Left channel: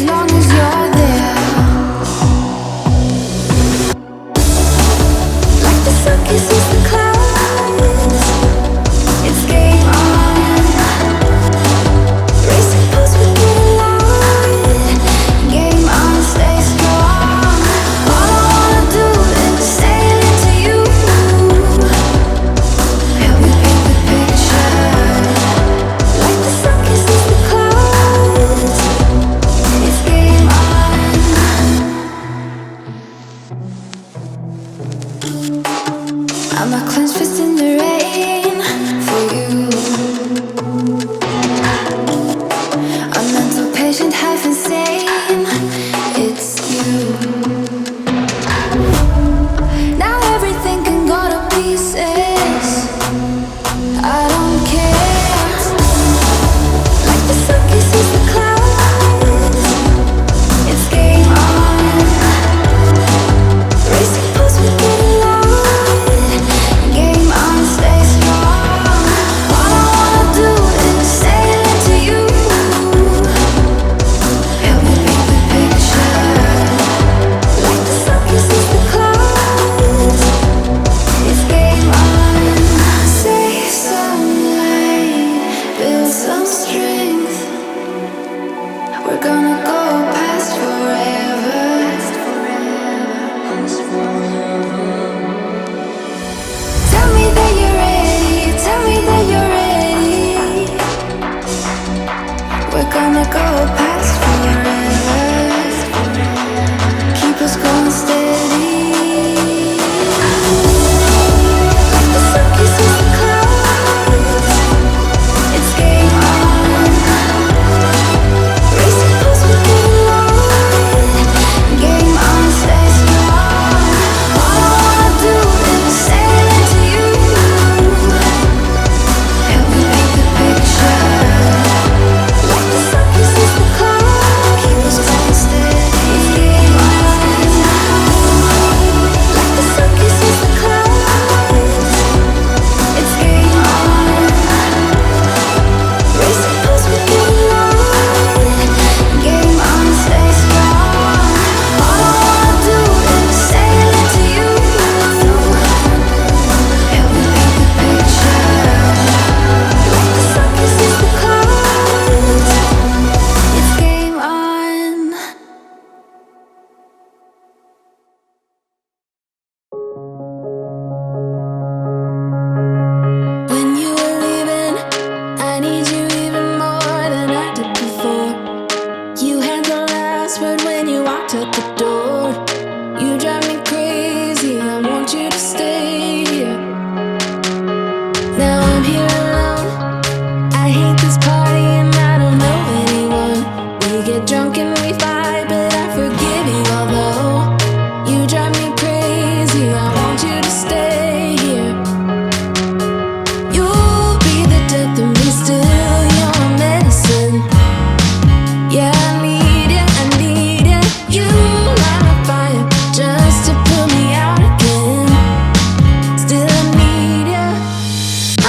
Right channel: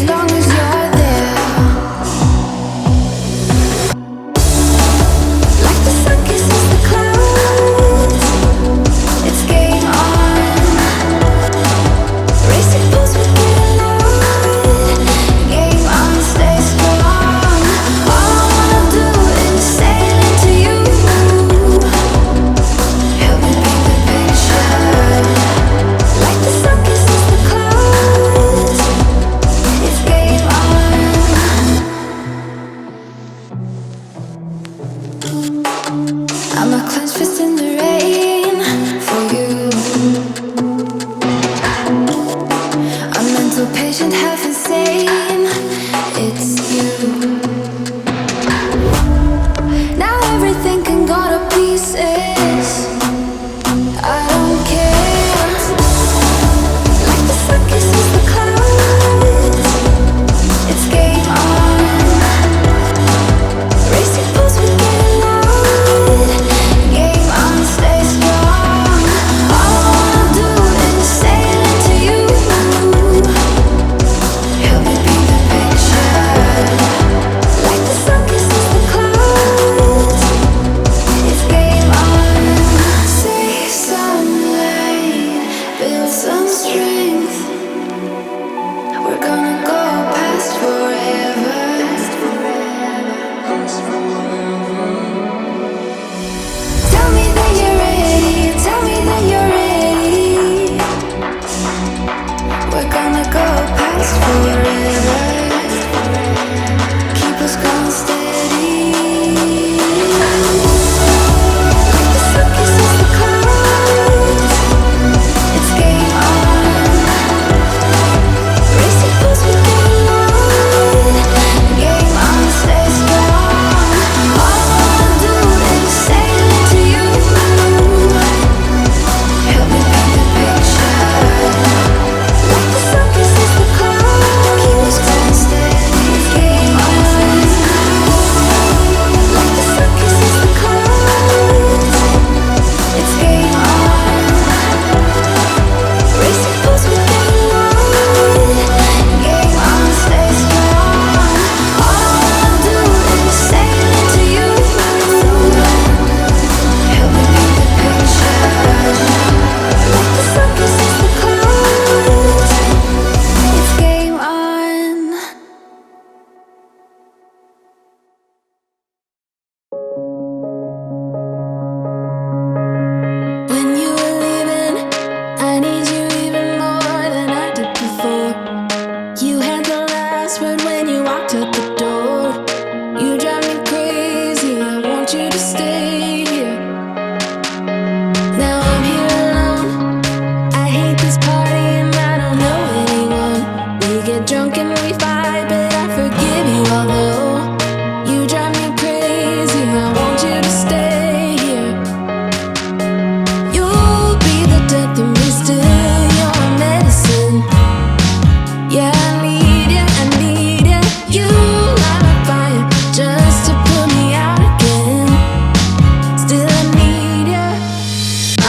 as long as you're there. Like the sun kisses the clouds, it's game on. Racing pulse with it loud. Game on, stay strong. All I wanna do is sail into you. Help me paint the picture. Like the sun kisses the clouds, it's game on. I'm a clenched fist in the rain for you. A mental patient, half insane. It's you. Now everything can go to pieces. I don't care. Like the sun kisses the clouds, it's game on. Racing pulse, we get loud. Game on, stay strong. All I wanna do is sail into you. Help me paint the picture. Like the sun kisses the clouds, it's game on. Save some light, build some strength. We're gonna go past forever. Tell me that you're ready, tell me that you're ready. We're gonna go past forever. Keep us going steady. Like the sun kisses the clouds, it's game on. Racing pulse, we get loud. Game on, stay strong. All I wanna do is sail into you. Help me paint the picture. Like the sun kisses the clouds, keep us going steady. It's game on. Like the sun kisses the clouds, it's game on. Racing pulse, we get loud. Game on, stay strong. All I wanna do is sail into you. Help me paint the picture. Like the sun kisses the clouds, it's game on. When you were leaving, I need you even more than I did before. You had the last word when you walked out the door. You drive me crazy, I want you to stay here. Now I'm here alone, I hate this party and I don't know anyone. We get drunk and we fight, but I forgive you although you drive me crazy, I want you to stay here. You'll be the death of me still, you're my medicine. Yeah, I need ya, I need ya. You light my fire just to put me out again. Still I need ya.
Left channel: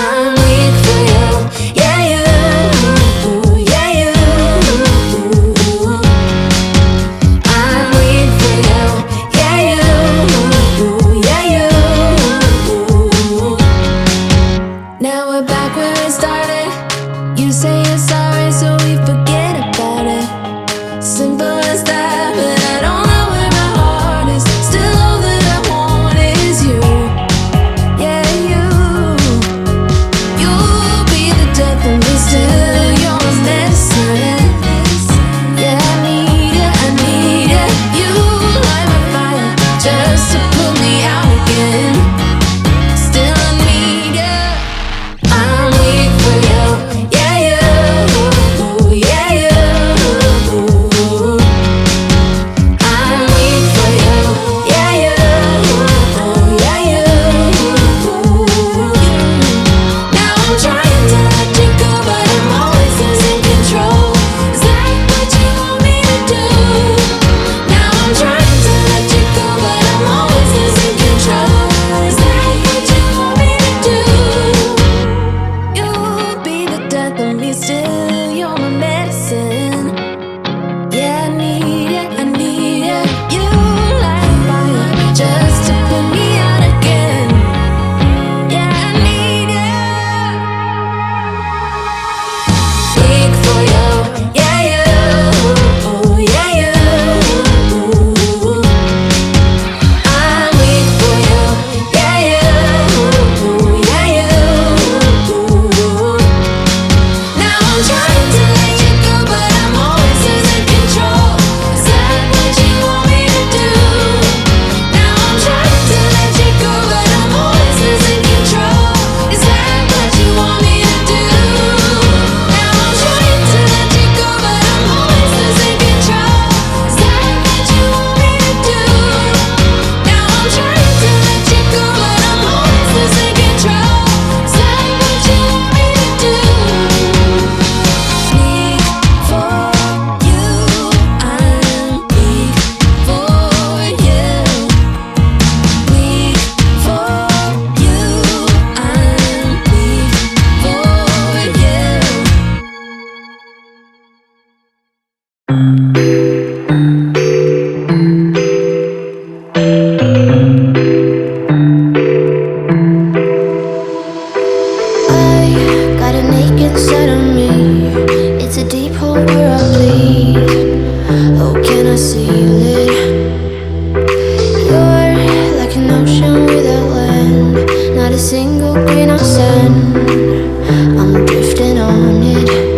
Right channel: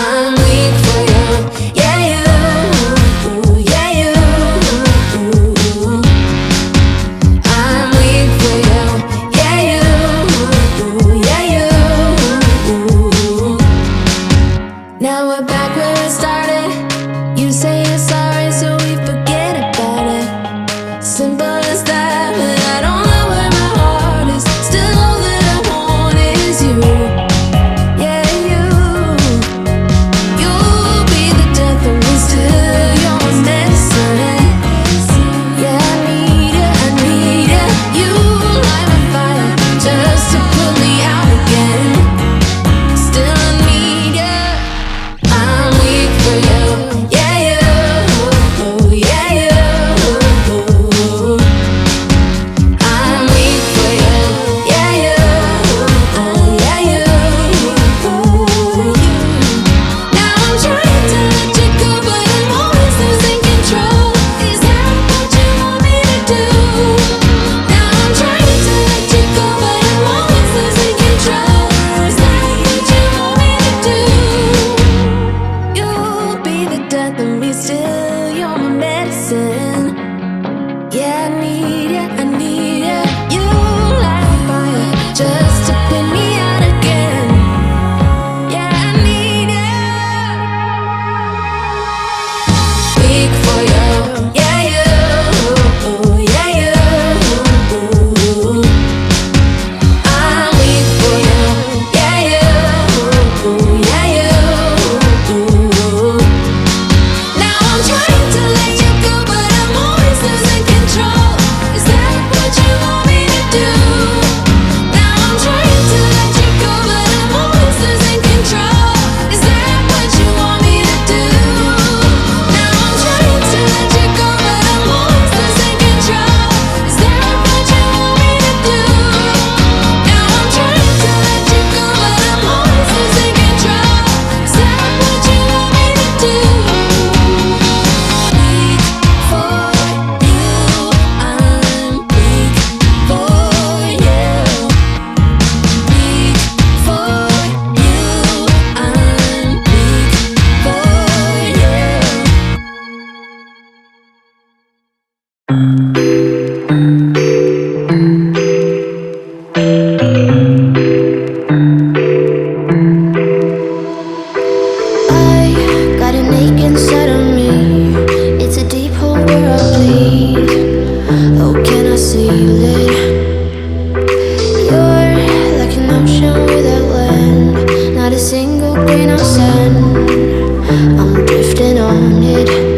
I'm weak for you, yeah you, yeah you. I'm weak for you, yeah you, yeah you. Now we're back where it started. You say you're sorry, so we forget about it. Simple as that, but I don't know where my heart is. Still all that I want is you. Yeah, you. You'll be the death of me still, you're my medicine. Yeah, I need ya, I need ya. You light my fire just to put me out again. Still I need ya. I'm weak for you, yeah you, yeah you. Oh, can I seal it? You're like an ocean without land, not a single grain of sand. I'm drifting on it.